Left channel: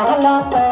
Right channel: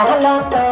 வரலாற்ற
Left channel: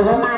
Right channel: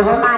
Oh, my God.